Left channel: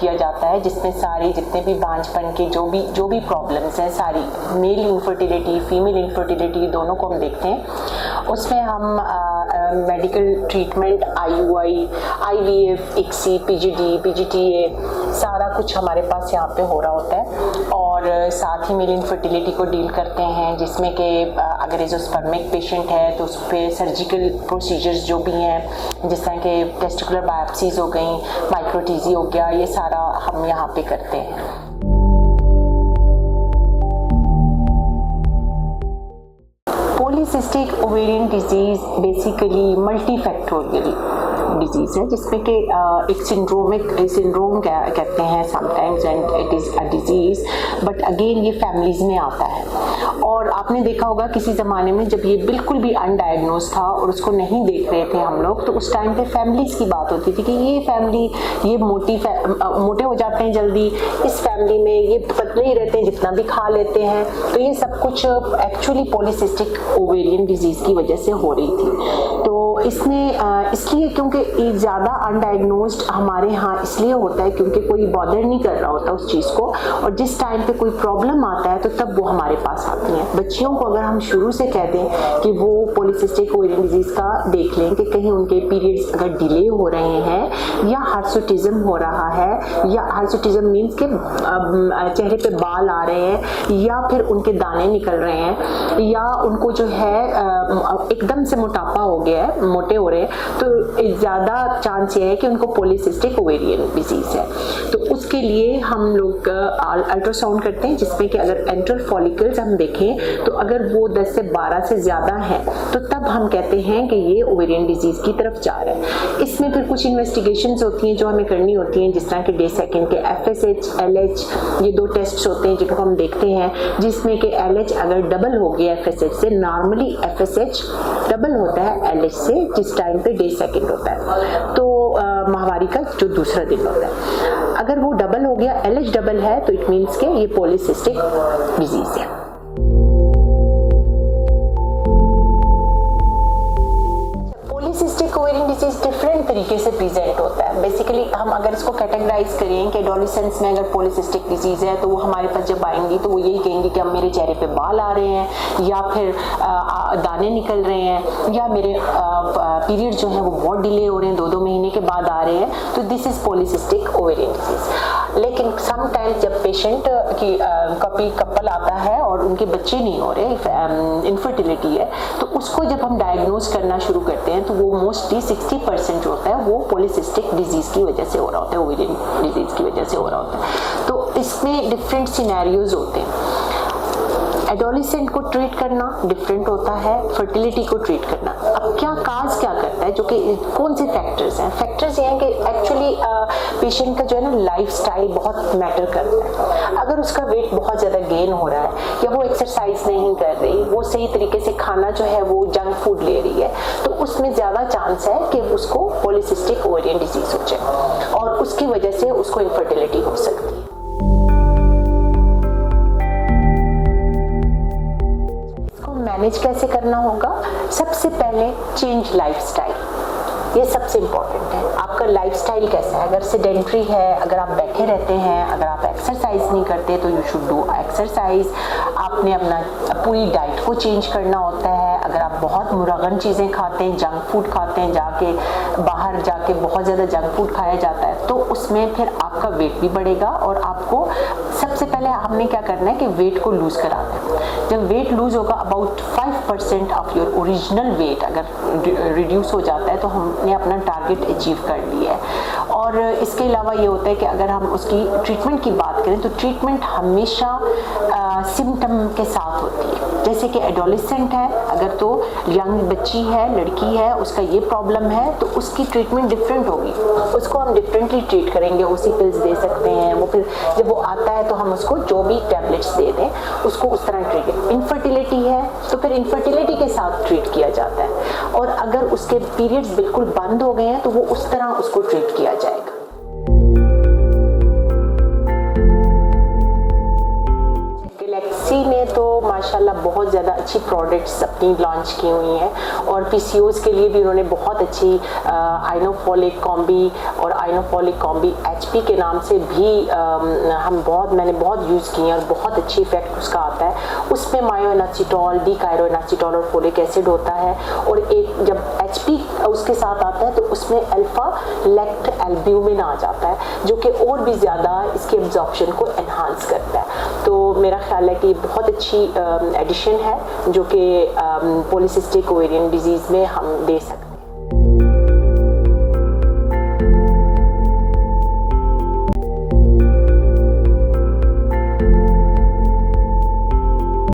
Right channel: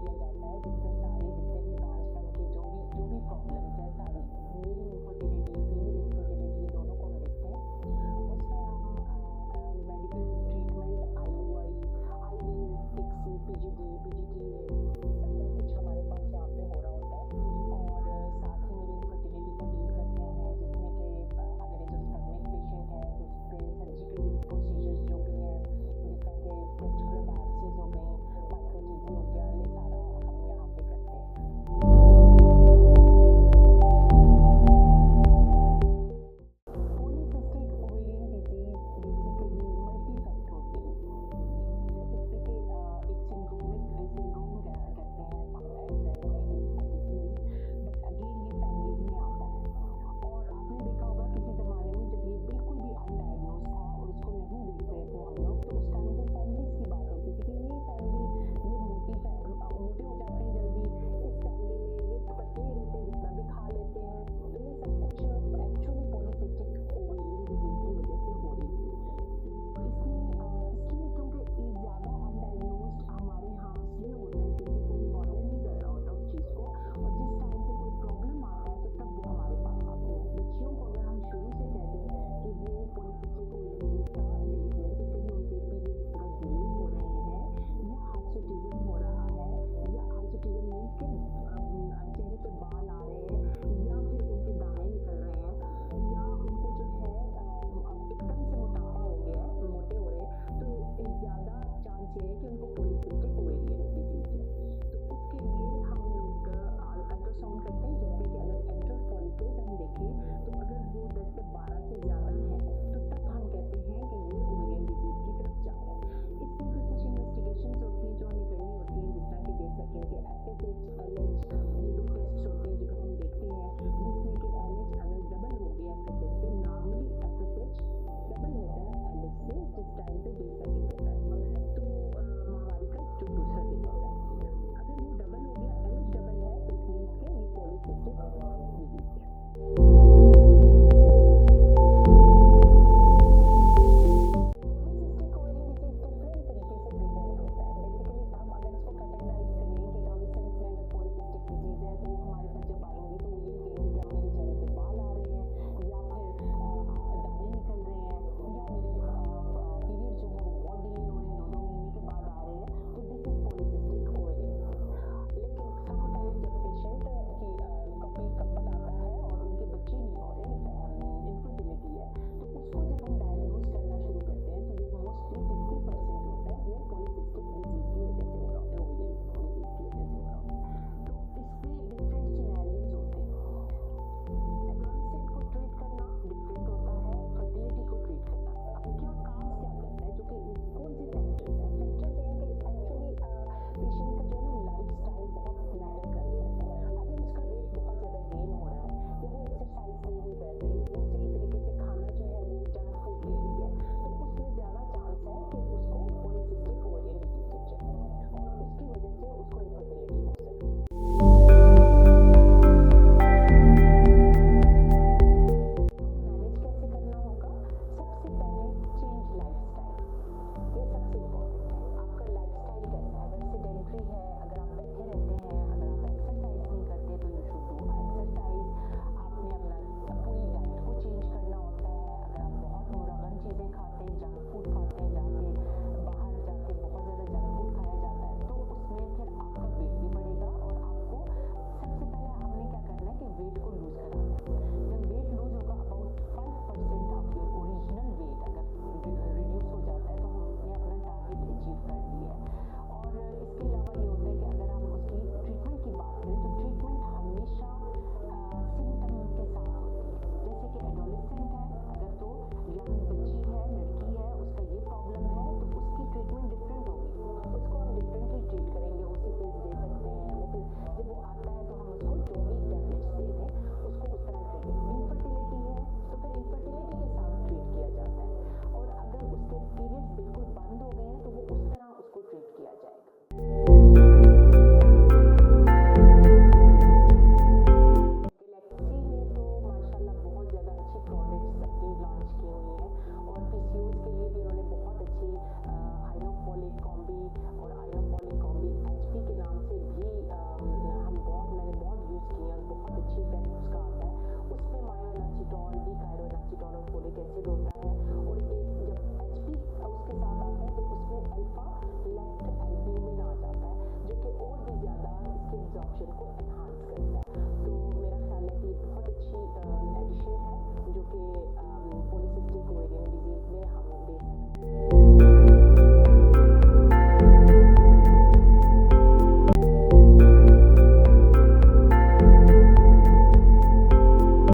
किया जाता है, जिसमें सारे जितने भी बांझपन के जो भी प्रॉब्लम्स हैं, सारी मेल इनफर्टिलिटी, फीमेल इनफर्टिलिटी, दोनों को हम देखते हैं। उसमें हम medical treatment, IUI, IVF, ICSI, PGD, PGTA, सारा कुछ हमारे पास यहाँ पे हो रहा होता है। और साथ ही मेल इनफर्टिलिटी को डील करते हैं, जिसमें कि अगर एजोस्पर्मिक पेशेंट है तो उस पर सर्जिकल प्रोसीजर्स जो भी हैं, जिस तरह के टेस्टिकुलर बायोप्सीज हो गई, माइक्रोटीजी हो गया, ये सारा हम यहाँ पे करते हैं। Polycystic ovarian disease basically multifactorial disease है, जिसमें कि एक सिंड्रोम कहते हैं sometimes, and it is a disease, but again ये फैमिलीज में आता है। और आपने देखा होगा किसी ज़माने में जब ये बिल्कुल भी अनडायग्नोज था और उसको नहीं देख रहे थे हम लोग, तो उस टाइम पे फैमिलीज की बात होती थी कि ये फैमिली ये मोटे हो जाते हैं जल्दी, इस फैमिली में ये पतले ही रहते हैं, जितना भी खा लेते हैं। तो ये सब कुछ एक्चुअली पॉलीसिस्टिक ओवेरियन डिजीज़ की वजह से हो रही थी। तो इसमें इसलिए क्योंकि ज़्यादा अनडायग्नोज्ड हमारे यहाँ इसलिए होता है क्योंकि कोई बॉदर नहीं कर रहा होता उस चीज़ को, और जिस टाइम पे कोई प्रॉब्लम आता है तो तब वो हमारे पास आती हैं। बच्चियों को अगर हम शुरू से कह दें कि वो पॉलीसिस्टिक ओवेरियन डिजीज़ का देख लें कि कहीं उनके पीरियड्स अगर डिले हो रहे हैं, या हार्सुटिज्म हो रहा है, या हार्सुटिज्म मीन्स के चेहरे पे बाल आ रहे हैं, या फिर उनके दाने निकल रहे हैं, या उनको जो है एकदम से मोटापा हो गया है, मोटे हो रहे हैं, तो ज़्यादा चांस ये है कि उनको पॉलीसिस्टिक ओवेरियन डिजीज़ है। तो उसके लिए हम लोग अल्ट्रासाउंड करते हैं, जिसमें कि अगर एंट्रल फॉलिकल्स हम देखें तो अगर वो 10 से 12 से ज़्यादा हैं तो तब हम कहते हैं कि ये ओवेरियन डिजीज़ की तरफ जा रहा है। इसमें फिर कुछ इन्वेस्टिगेशंस होती हैं जो हमें करनी होती हैं, जिस तरह के डे सेकेंड के FSH, LH, ये 2 टेस्ट होते हैं जिनको हम देखते हैं, जिसमें कि LH अगर डबल हो गया FSH से, नॉर्मली FSH डबल होता है LH से जिस टाइम पे डे सेकेंड होता है, तो माहवारी का जो दूसरा दिन होता है, अगर वो डबल हो गया, LH डबल है, तो इट मीन्स के ये पॉलीसिस्टिक डिजीज है। पॉलीसिस्टिक ओवेरियन डिजीज डिफरेंट तरीके से प्रेजेंट होता है। बेसिकली हम अगर इसको कैटेगराइज करें कि एडोलेसेंस में अगर पॉलीसिस्टिक डिजीज है तो वो हमारे पास जब आएंगी तो वो यही कहेंगे कि अब मेरे चेहरे पे बाल आ रहे हैं, या फिर दाने निकल रहे हैं, या मेरे पीरियड जो है वो बहुत डिले हो रहे हैं, 2-2 महीने के बाद आ रहे हैं, तो this is polycystic ovarian disease. लेकिन समटाइम्स जब पेशेंट की कपल आता है और उनके बच्चे नहीं हो रहे, इनफर्टिलिटी है, तो उसको जब हम डायग्नोज करना शुरू करते हैं तो वो मोस्टली 60% जो होता है वो पॉलीसिस्टिक डिजीज की वजह से हो रहा होता है, ओवेरियन डिजीज की वजह से हो रहा होता है। तो इसमें डिफरेंट सिनेरियोज होते हैं। एडोलेसेंट को ट्रीट करना डिफरेंट होता है, फर्टिलिटी को ट्रीट करना। अब क्या काज क्या करता है, जो कि कौन से फैक्टर्स हैं? फैक्टर्स ये हैं कि एक्चुअली पेशेंट का जो है ना लाइफस्टाइल बहुत मैटर करता है। अगर उसका वेट बहुत ज़्यादा गेन हो रहा है, या वो एक्सरसाइज नहीं कर रही, वो सही तरीके से खाना जो है वो जंक फूड ले रही है, तो उसमें ज़्यादा चांस है कि उसको पॉलीसिस्टिक ओवेरियन डिजीज हो जाए, और उसकी वजह से उसको इनफर्टिलिटी हो सकती है। मैनेज कैसे करना होगा? सबसे पहले चेंज लाइफस्टाइल, ये सबसे इम्पॉर्टेंट है। आपका लाइफस्टाइल कैसा है? अगर सेडेंट्री है, अगर आप बैठे रहते हैं, अगर आप एक्सरसाइज नहीं करते तो यू शुड डू एक्सरसाइज। आपने अपना पूरी डाइट को चेंज करना होता है। अगर आप बहुत मुरगन चीज़ें खाते हैं, जंक फूड खाते हैं, जाके बाहर जाके बहुत ज़्यादा जंक फूड खाया जाता है, तो उसमें फिर आपका वेट भी बढ़ेगा। और आपको सबसे पहले हमने क्या करना है कि वेट को लूज़ कराना है। जब वेट लूज़ होगा, about 5% of your original wait अगर रिड्यूस हो जाता है तो हमने अपना टारगेट अचीव कर लिया है। और इसके अलावा ये होता है कि अगर हम उसकी ट्रीटमेंट की बात करें तो ट्रीटमेंट हमेशा सिम्टम के साथ होती है। जैसे कि एडोलेसेंट है, अगर तो यंग बच्ची है, लड़की है, उसका ये प्रॉब्लम है, तो उसकी ट्रीटमेंट डिफरेंट होगी, उसको हम डिफरेंटली ट्रीट करेंगे। उसी पिल्स दे सकते हैं, वो फिर जब वो आता है तो हम उसको जो भी टैबलेट्स दे दें उसको उस तरह ट्रीट करें। इनफर्टिलिटी है तो फिर इनफर्टिलिटी के साथ ट्रीट किया जाता है, और अगर उसके पीरियड्स बिल्कुल बंद हो गए हैं तो वो उस तरह उसको ट्रीट किया जाएगा। गैलेक्सी ने तो माशाल्लाह माशाल्लाह बहुत ज़्यादा अच्छी प्रोडक्ट्स अपनी लॉन्च की हुई हैं और पीसीओज़ के लिए भी उन्होंने बहुत अच्छी आइनोफोलिक कॉम्बी और आइनोफोलिक कॉम्बी एचपी के नाम से भी मैंने बहुत यूज़ की हैं और बहुत अच्छी इफेक्ट उसका आता है। उसमें मायोइनोसिटोल, डीकाइरोइनोसिटोल और फोलिक एसिड होता है और एक जब एचपी उसके साथ आता है तो उसमें अल्फा लेक्ट एल्ब्यूमिन आ जाता है जो कि और भी ज़्यादा इसके एब्जॉर्प्शन को एनहांस करता है। तो मेरा ख्याल है कि बहुत अच्छी एडिशन है जो कि पॉलीसिस्टिक ओवेरियन डिजीज़ में हम दे सकते हैं।